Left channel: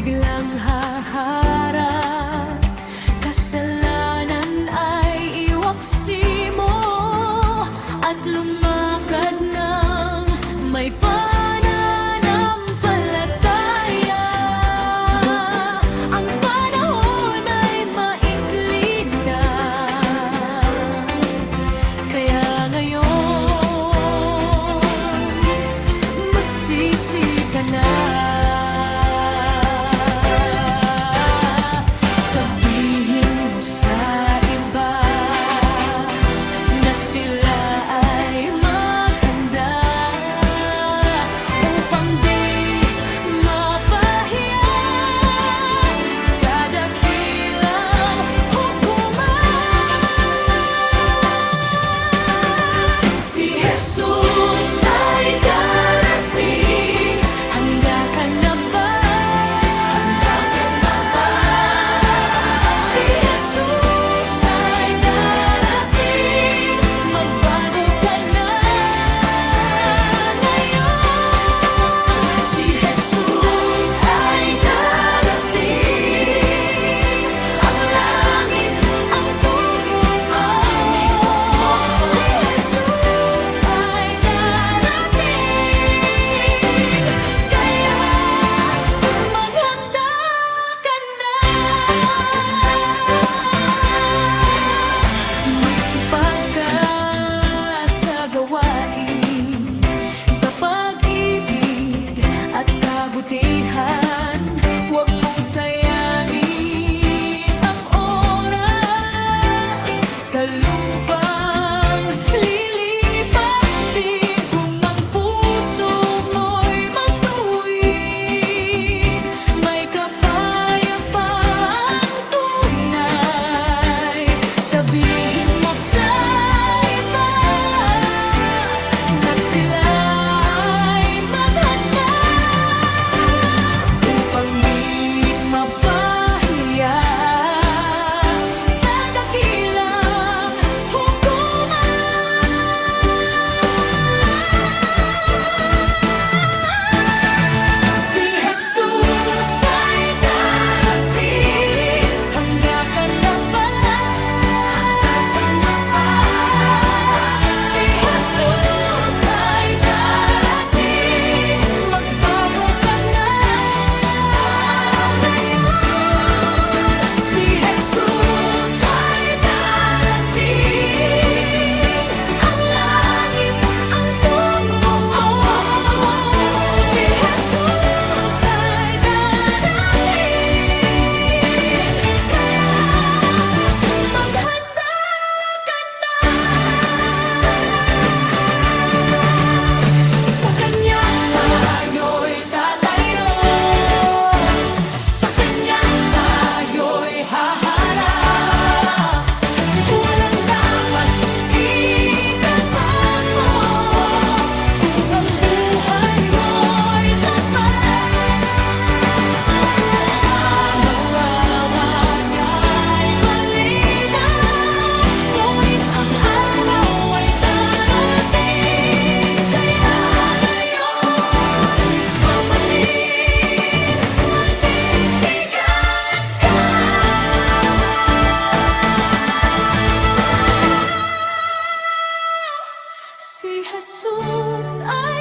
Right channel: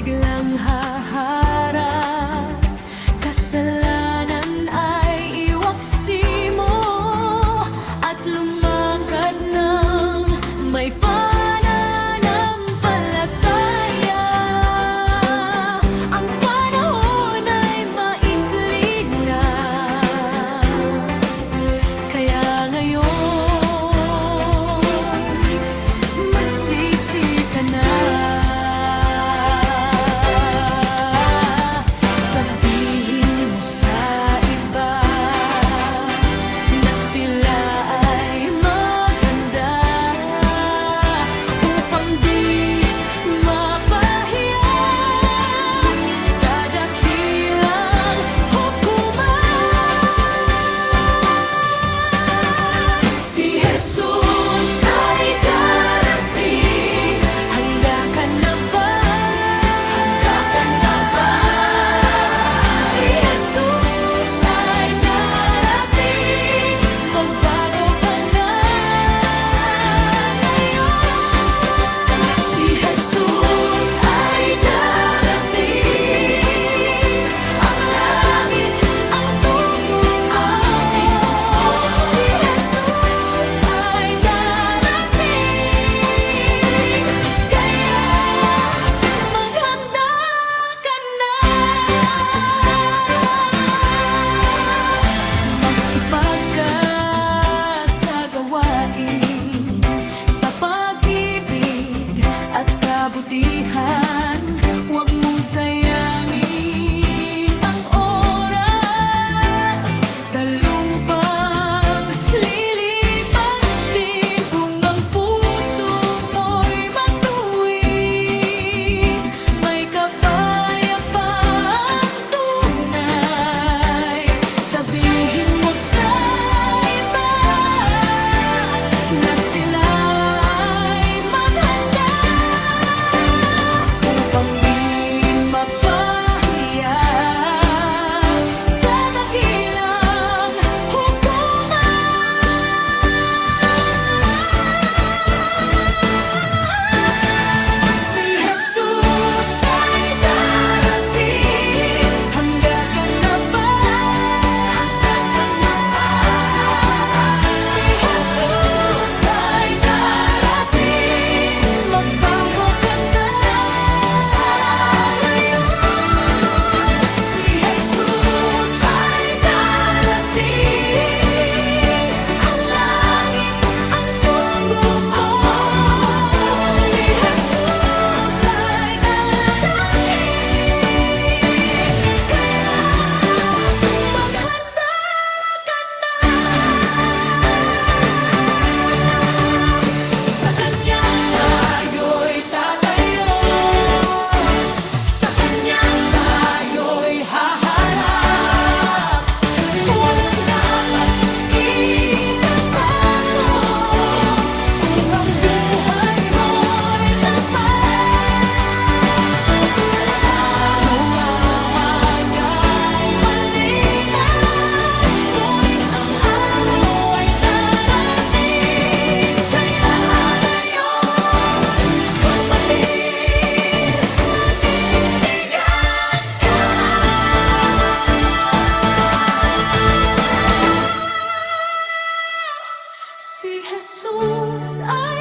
biglang haharap. Kasalanan ay iwaksi mo at lumakad ng may pananampalataya. Ang panahon ay maikli na, kaya ngayon magsisi ka na. Sabihin mo sa iba na sila ay maganda upang di mapahiya sa dakilang hukuman. Si Jesus ay darating, handa ka na ba? Sa pag-ibig at kabutihan, huwag mong sayangin ang oras sa lupang lilipas din. Kung ang puso mo'y matuwid, may kapayapaang tunay. Sabihin mo sa iba na sila ay maghanda upang di mapahiya sa dakilang hukuman. Si Jesus ay darating, handa ka na ba? Si Jesus ay darating, magbago ka na ngayon. Si Jesus ay darating, ang langit ang tugo mo. Si Jesus ay darating, kaya maghanda ka na. Sa Kanya tayo'y tatayo, sa Kanya tayo'y haharap. Walang dapat ikatakot kung ang buhay mo'y tapat. Ang awa niya'y malinaw, ngunit ang araw ay darating. Kaya ngayon, kapatid, manindigan ka. Si Jesus ay